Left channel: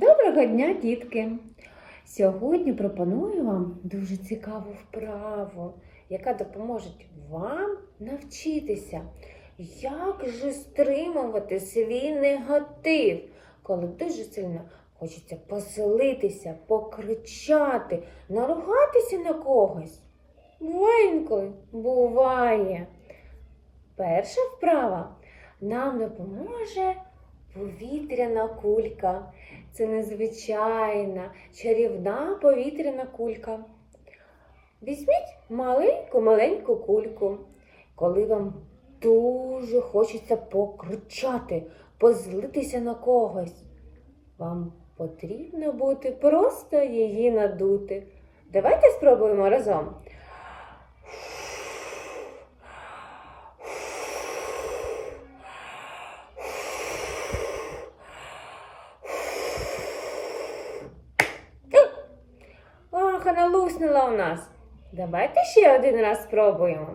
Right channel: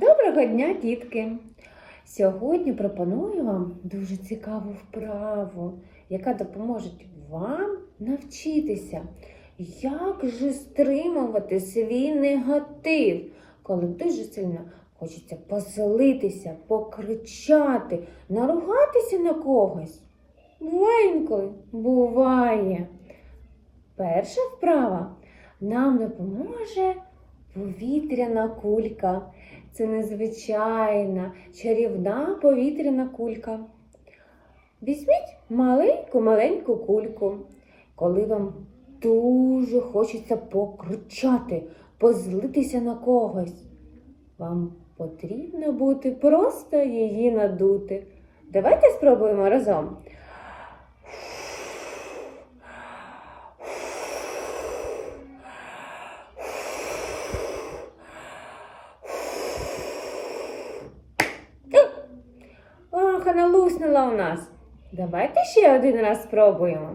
Доброго дня, дітки! Сьогодні пропоную вам дуже цікаву вправу, яка допоможе вам навчитися, як же стримувати свій негатив, коли дуже сильно хочеться поселитися, покричати, наругатися на когось. Буває інколи? Буває. Перша вправа нам допоможе повітряна кулька. Це незвичайна чарівна повітряна кулька. Візьміть маленьку-маленьку кульку, коли вам дуже хочеться покричати, позлитися на когось. Вам потрібно бути просто її надути. Давайте спробуємо разом. Вона у нас. Давайте ще один раз спробуємо.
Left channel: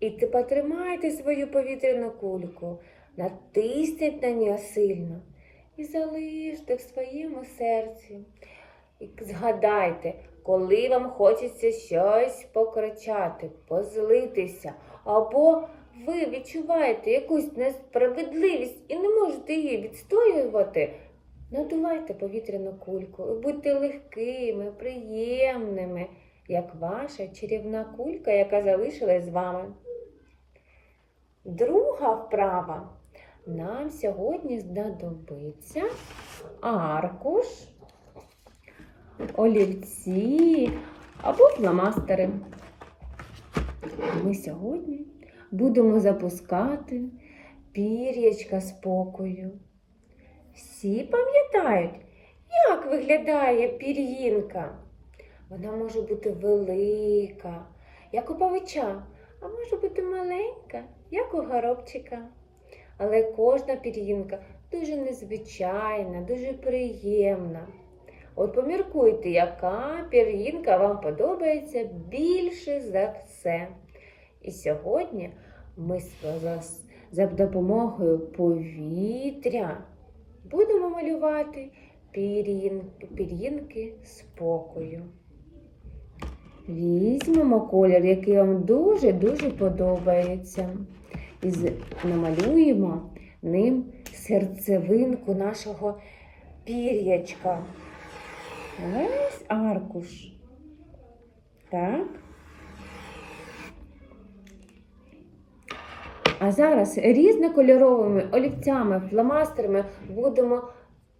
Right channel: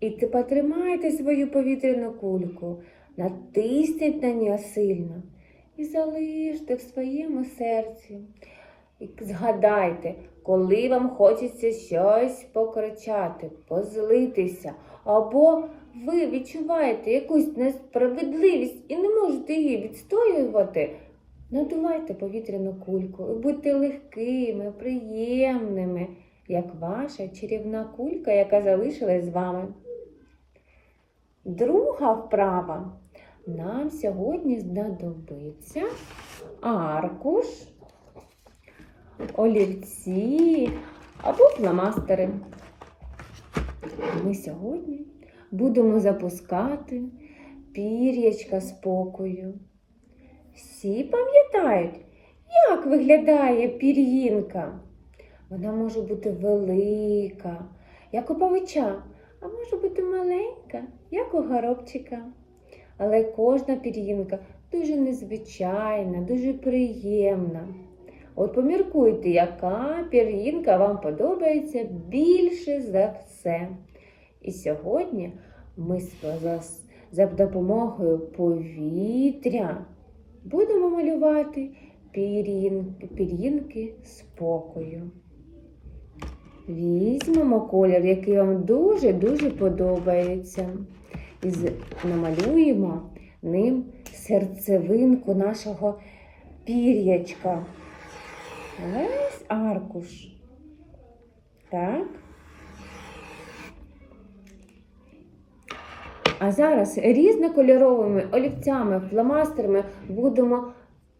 І ти потримайте свою повітряну кульку, натисніть на нього сильно і залиште в своєму серці. І згадайте, коли вам хочеться щось покричати, позлитися, або ви відчуваєте якусь несправедливість і не можете її відстоювати, надувайте повітряну кульку і будьте легкими, приємними, як ваша чарівна кулька, яка залишилась з вами. Друга вправа. Нам сьогодні знадобиться аркуш, олівці або фломастери. Ми сьогодні будемо запускати пір'ячка спокою. Всі пам'ятають, як виглядає пір'їнка. Вона може бути велика, як у павича, а може бути маленька, як у горобчика. Але кожна пір'їнка дуже незвичайна, дуже приємна. От поміркуйте, яка пір'їнка вам подобається більше за все. І сьогодні ми за- допомогою повітря будемо малювати пір'їнки спокою. Візьмемо колір, який вам дуже-дуже подобається. І намалюємо ним серцевинку нашого пір'ячка. Весь аркуш. Так. А зараз різнокольоровими олівцями, фломастерами будемо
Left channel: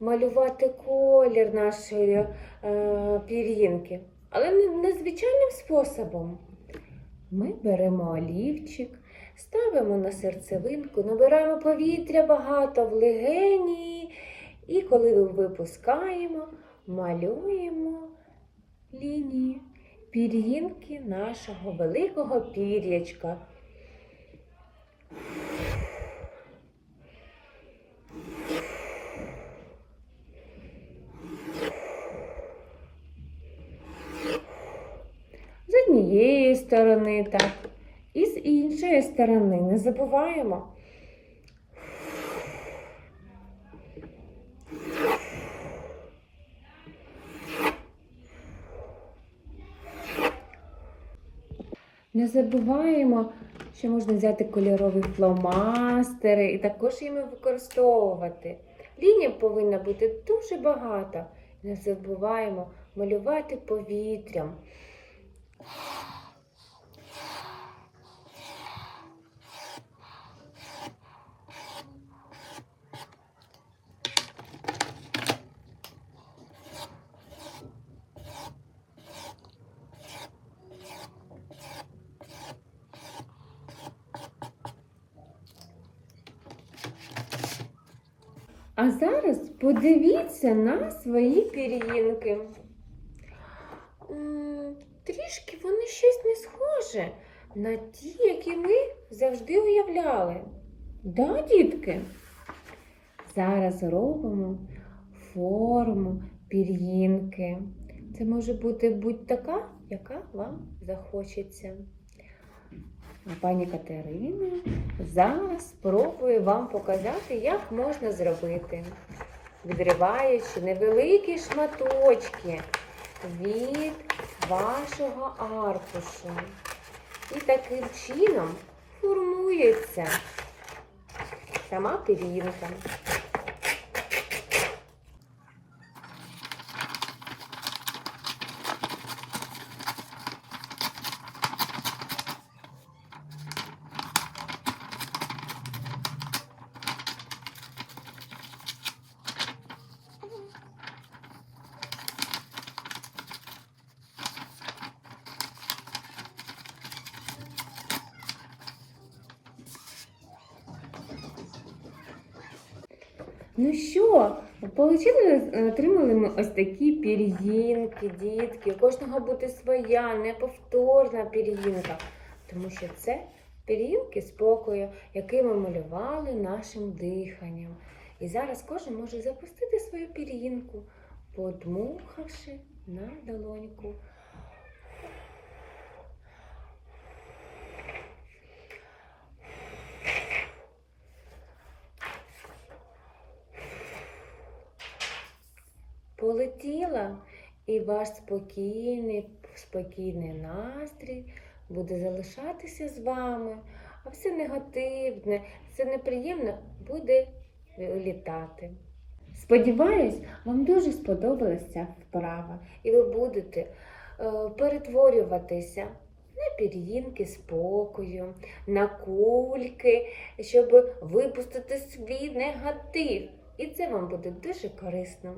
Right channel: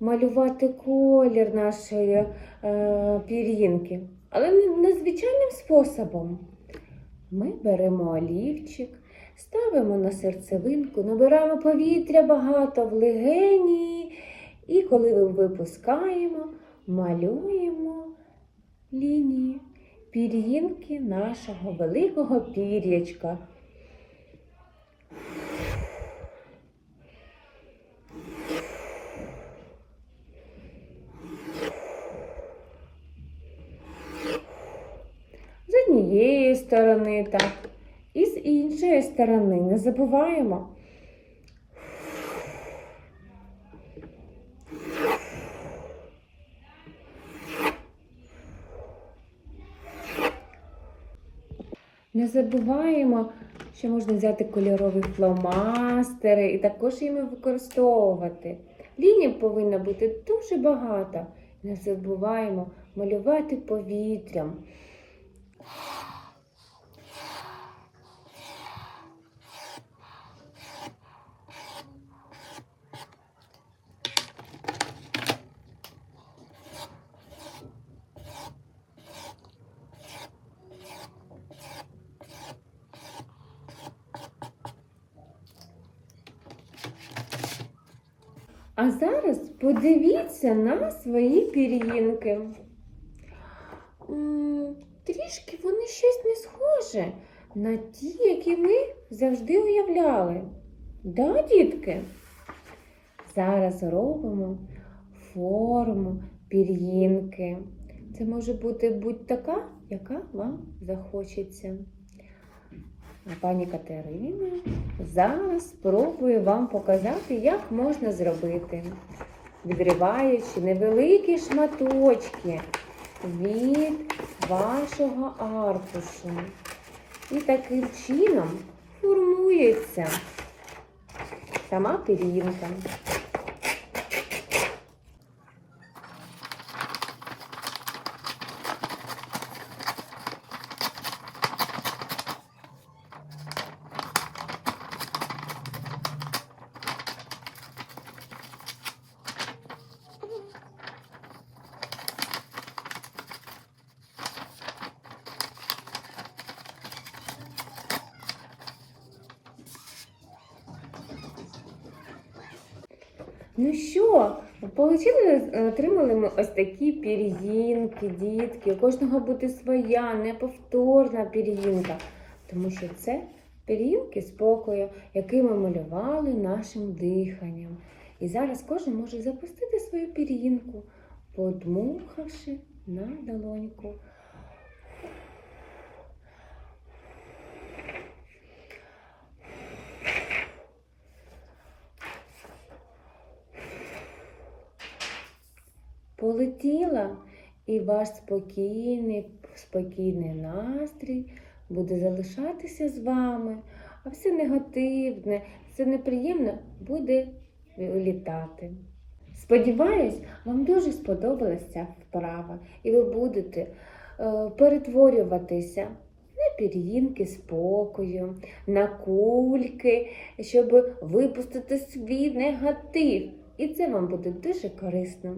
малювати колір нашої е, пір'їнки. Але незвичайним способом. Ми беремо олівчик, ставимо на серцевинку, набираємо повітря багато в легені. І коли ви випускаємо, малюємо лінії пір'їнки нашого великого пір'ячка. З однієї сторони так, і з іншої сторони не забуваємо. Не забуваємо, що можна взяти кольорові фломастери і також їми використовувати. Ліній повинна бути дуже багато. Не забуваємо малювати повітрям. А зараз подивіться на свої пір'їнки. Трішки вони щось не схоже на ті, які ми завжди уявляли. Да, дітки? Зараз робимо форму пір'їнки. Це може бути будь-така яка вам захочеться. Пані Катерина зараз спробує вам показати, як можна зробити, відриваючи невеликі шматочки від вашого аркушу. І таким чином формується сама пір'їнка. Ну що, получили, е, отримали ось такі пір'їнки, дітки. Кожного буде своя, неповторна пір'їнка. Тому що це пір'їнки спокою, які ми малювали нашим диханням. І зараз кожен може запустити свою пір'їнку, подмухавши на долоньку. Полетіла, і ваш спокійний, спокійний настрій буде залишатися з вами, а все негативне, все неприємне буде вилітати. Сподіваюсь, вам дуже сподобалася ця вправа, і ви будете е, перетворюватися на пір'їнки спокою, на кульки, щоб випустити свій негатив. І це вам буде дуже корисно.